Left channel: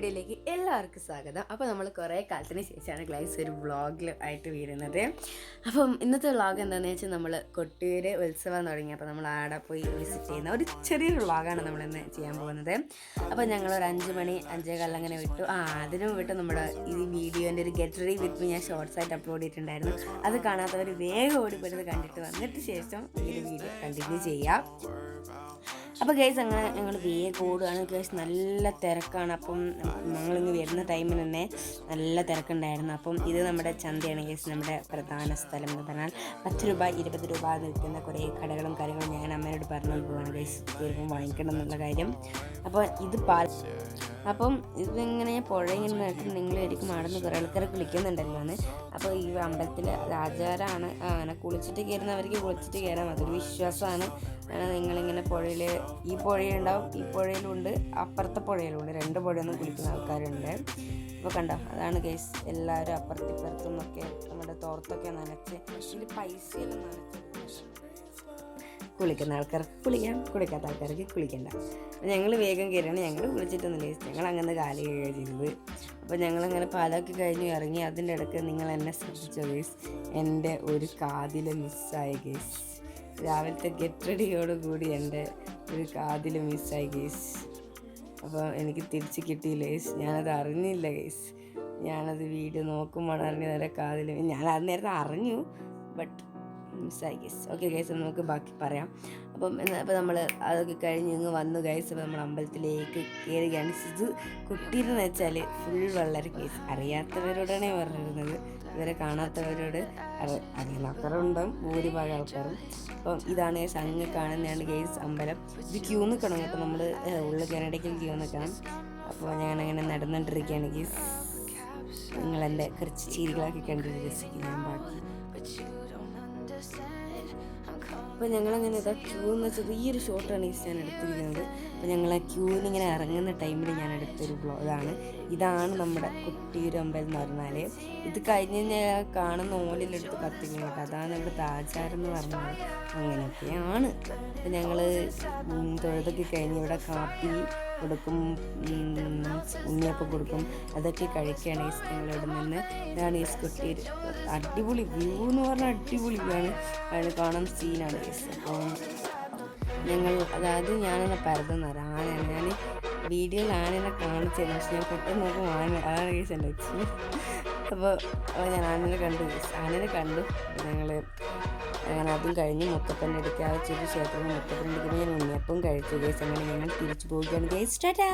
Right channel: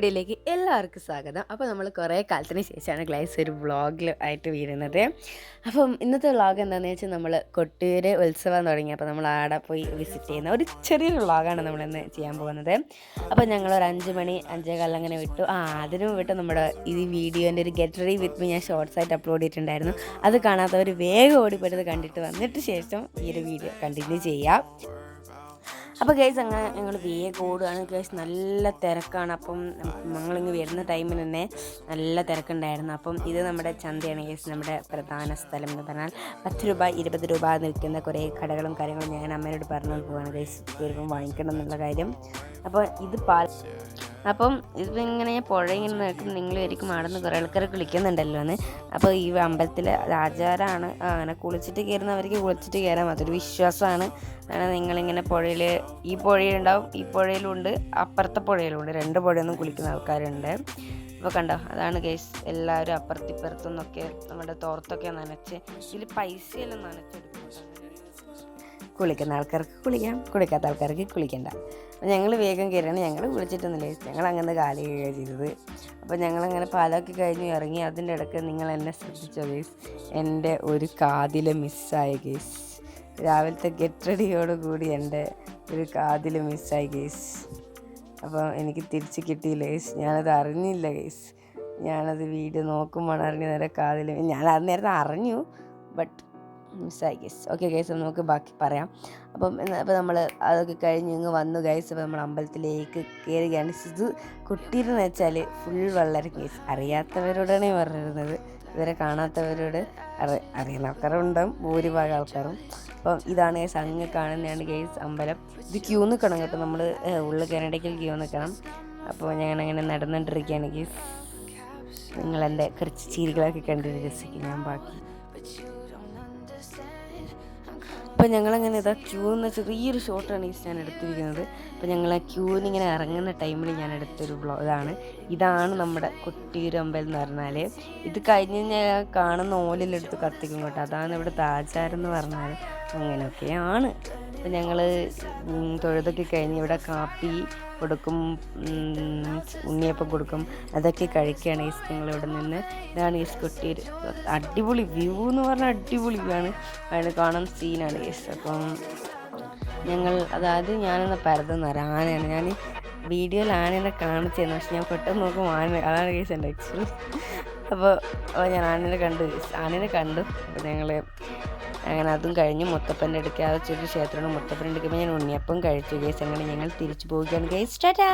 വീഡിയോയിലേക്ക് എല്ലാവർക്കും സ്വാഗതം. അപ്പോൾ നമ്മൾ കുറേ കാലത്തിന് ശേഷമാണ് ഗ്ലൈസ് ഒരു വ്ളോഗിൽ ആയിട്ട് വരുന്നത്. അപ്പം ഇന്നത്തെ വ്ളോഗ് എന്താണെന്ന് വെച്ചാൽ നമ്മൾ കൊട്ടിയൂർ ഉത്സവം തുടങ്ങി. അപ്പോൾ നമ്മൾ ആടെ പോയി വിസിറ്റ് ചെയ്യുന്ന ഒരു ചെറിയൊരു വ്ളോഗാണ് നമ്മളിന്ന് ചെയ്യാൻ പോകുന്നത്. അപ്പോൾ ഞങ്ങളൊരു 5 മണി 5:15 അങ്ങനെ വിട്ടു. അതിനും വിട്ട് നമ്മുടെ ഈ വീഡിയോൻ്റെ ഒരു ഗെറ്റ് റെഡി വിത്ത് മീ ഞാൻ ഷോർട്സ് ആയിട്ട് അപ്ലോഡ് ചെയ്തിട്ടുണ്ടായിരുന്നു. അത് കാണാത്തവർ വേഗം ഓടിപ്പെടുന്നത് കണ്ടിട്ട് വന്നിട്ട് ശേഷം ഈ ഒരു വീഡിയോ കണ്ടിന്യൂ ചെയ്യാം. അപ്പോൾ ഗൈസ് അങ്ങനെ ഞങ്ങൾ വേഗം ഓടുകയാണ്. ഗൈസ് നല്ല തിരക്കാണ്. അപ്പം ഞങ്ങളിങ്ങ് വരുന്ന ടൈമിൽ തന്നെ നല്ല തിരക്കുണ്ടായിരുന്നു. അപ്പം ഇത് നമ്മുടെ ചന്തയാണ് ഗൈസ്. നമ്മുടെ പ്രധാന സ്ഥലം എന്ന് പറഞ്ഞാൽ 10 രൂപ 20 രൂപ നിൽക്കുന്ന കുറേ കടകളും കാര്യങ്ങളും ഞാൻ അമ്മയോട് പറഞ്ഞു പോവാണ് ഗൈസ് ഇപ്പം വാങ്ങിക്കണം എന്നുള്ള കാര്യം. അപ്പോൾ ഇത് അപ്പം ഇതിങ്ങനെ പുഴയിങ്ങനെ നോക്കും നിങ്ങളായിരിക്കും ആടുന്ന് കുറേ ആൾക്കാർ കുളിക്കുന്നുണ്ടല്ലോ എന്ന്. അപ്പോൾ ഈ അമ്പലത്തിൽ ആചാരമാണ് അങ്ങനെ കുളിച്ചിട്ട് കയറുന്നവർക്ക് കുളിച്ചിട്ട് കയറാം, അതൊരു വിശ്വാസമാണ്. കാരണം നിങ്ങളിങ്ങനെ പുഴയിൽ ഈ പുഴയുണ്ടാവും, ഈ പുഴയിലുണ്ട്, അപ്പുറത്തെ പുഴയിലുണ്ട്, 2 പുഴയൊന്നും കുളിക്കുന്ന ആൾക്കാരുണ്ട്. അപ്പോൾ കണ്ടോ, അതാണ് കേസ്. എല്ലാവരും അപ്പുറത്തിപ്പുറത്തു നിന്നൊക്കെ നമ്മുടെ തോർത്തൊക്കെ നനച്ച് ഇതിൽ പൈസയെല്ലാം നനച്ചെടുക്കും. കുളിക്കുന്ന ആൾക്കാർക്ക് കുളിക്കാം, കുളിക്കാത്ത ആൾക്കാർക്ക് കുളിക്കണ്ട. ഞങ്ങൾ വേഗം കയറിയാണ്. ഞങ്ങൾ വിളിച്ചിട്ടൊന്നുമില്ല, ഞങ്ങൾ അങ്ങനെ കാലി കഴിയുകയാണ് ചെയ്തത്. അപ്പോൾ ഞങ്ങളങ്ങനെ പാലൊക്കെ കഴിഞ്ഞ് ഇറങ്ങി. അതിൻ്റെ ഇടയ്ക്ക് നിങ്ങൾ എന്നെ ശ്രദ്ധിച്ചോ കേസ്, എൻ്റെ ഒരു കാതിൽ മിസ്സായ കേസ്. രാവിലത്തെ ഗെറ്റ് റെഡിയോടുകൂടി എൻ്റെ ഒരു കാതിൽ മിസ്സായി കേസ്. അപ്പോൾ എനിക്ക് തിരിച്ച് കിട്ടിയില്ല കേസ്, ഞാനത് അറിഞ്ഞില്ല കേസ്. ഞാനത് വീഡിയോ നോക്കുമ്പോൾ അറിഞ്ഞു നേരെ കാതിൽ. ഞാൻ അത് നേരത്തെ അറിഞ്ഞു, ബട്ട് മിസ്സായി ഗൈസ്. ഓക്കെ ഗൈസ്, നമുക്ക് ബാക്കി പറയാം. അപ്പോൾ നമ്മൾ അതൊക്കെ കഴിഞ്ഞ് ഇങ്ങ് വന്നു ഗൈസ്. അപ്പോൾ നമ്മൾ അമ്പലത്തിലേക്ക് കയറുകയാണ്. ഇത് കൊട്ടിയൂരെന്ന് വെച്ചാൽ ഫുൾ വെള്ളരി ഗൈസ്. അറിയാത്തവരോടാണ് ഈ പറഞ്ഞിരുന്നത്, ഇവരെ കാണാത്തവരോട് അറിയുന്ന ആൾക്കാരുണ്ടാവും, ഭൂരിഭാഗം ആൾക്കാരും. അപ്പം ഇതാണ് ഗൈസ്, അങ്ങ് കാണുന്നതാണ് ഗൈസ് അമ്പലം. ഇത് ക്യൂ നിൽക്കണം കേട്ടോ, നമ്മൾ ഉള്ളിൽ കയറണമെങ്കിൽ ക്യൂ നിൽക്കണം. അപ്പോൾ ഞാനങ്ങനെ നടന്നുകൊണ്ടിരിക്കുകയാണ് ഗൈസ്. നിങ്ങളെൻ്റെ കുറച്ച് ചിരികളൊക്കെ കണ്ടിട്ട് രസിക്കും ഞാൻ ബാക്കി. അപ്പോൾ ഞങ്ങളങ്ങനെ ഇതാ ക്യൂ എന്ന ചെറിയൊരു ഷോട്ടാണ് ഈ ഞാൻ എടുത്തിരിക്കുന്നത്. അപ്പോൾ ഞങ്ങൾ ആ ക്യൂവിന് ഇങ്ങനെ ഇറങ്ങുന്ന ടൈമിൽ ഞാൻ എടുത്തൊരു ഇതാണ് നമ്മുടെ കൊട്ടിയൂർ അമ്പലം എന്ന് പറഞ്ഞാൽ. ഇത് കഴിഞ്ഞ് കഴിഞ്ഞാൽ കാണുന്ന ഓലിലെടുത്ത് കത്തിക്കും കേട്ടോ, അതാണ് ഇവിടുത്തെ ആചാരം എന്ന് പറഞ്ഞാൽ. അങ്ങനെയൊക്കെയാണ്. അപ്പോൾ ഞങ്ങൾ തൊഴുതൊക്കെ കഴിഞ്ഞ് ഇവിടെ കാപ്പി കൊടുക്കും, ഉണ്ണിയപ്പം കൊടുക്കും, അതൊക്കെ കഴിക്കുകയാണ് ഈ ഞങ്ങളിവിടെ നിന്ന്. ഇതാണ് ഈ കൊട്ടിയൂർ. അടിപൊളി വ്യൂ എന്ന് പറഞ്ഞാൽ അടിപൊളിയാണ്, അതിന് കാണാൻ സീനാണ് കേസ്. അപ്പം അതായത് ഞാനെന്നെ പരതെന്ന് പറയാം, ആനയാണ്. ഞാൻ വീഡിയോയിൽ ആനേനെ കാണിച്ചിരുന്നു, പക്ഷെ ഞാൻ പെട്ടെന്ന് നോക്കും അതാണ് കേസ് എൻ്റെ എക്സ്പീരിയൻസ്. അപ്പോൾ ഞാൻ ആനേനെ കണ്ടു. അപ്പോൾ ഞങ്ങൾ അങ്ങനെ അതും കഴിഞ്ഞ് മുത്തപ്പൻ്റെ അടുക്കുക, ആ ചെറിയ ക്ഷേത്രമാണ്. മുത്തപ്പൻ്റെ അടുക്കുമ്പോൾ ഞാൻ ഉണ്ണിയപ്പം കഴിച്ചു കേസ്. അങ്ങനെ ഞങ്ങൾ തിരിച്ചു പോവുകയാണ് കേസ്. ടാറ്റാ.